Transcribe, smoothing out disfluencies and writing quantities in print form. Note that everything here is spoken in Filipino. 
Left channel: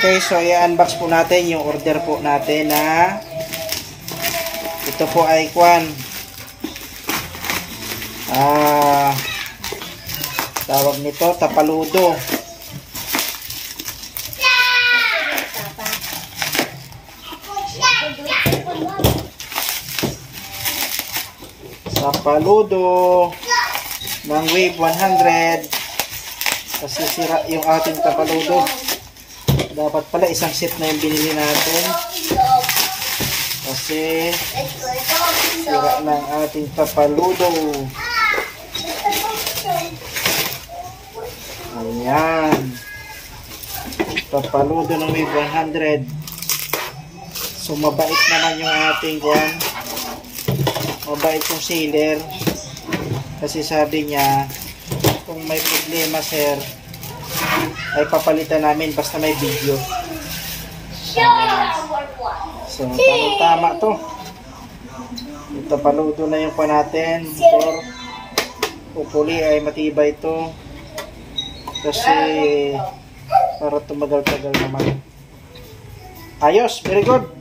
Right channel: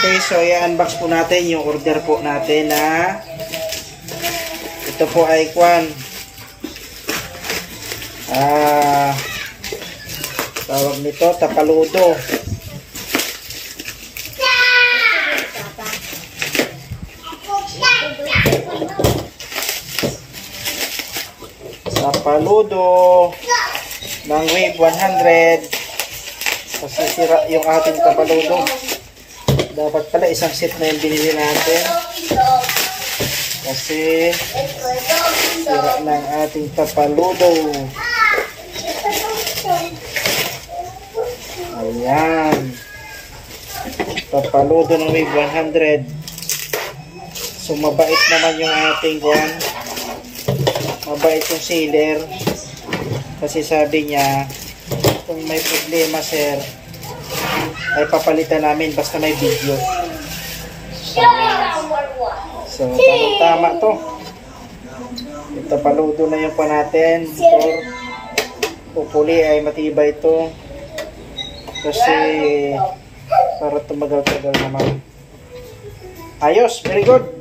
Okay, so i-unbox po natin yung order po natin na ito po ay tawag nito, tapaludo. Tapaludo ng Wave 100 kasi sira yung ating tapaludo. Dapat pala isang set na yung binili natin kasi sira ng ating tapaludo. Ayan, tapaludo ng Wave 100. So mabait naman yung ating mabait yung seller kasi sabi niya kung may problema sir ay papalitan namin basta may video. So tama to. Ito paludo na yung natin for hopefully ay matibay to kasi para tumagal-tagal naman. Ayos, very good.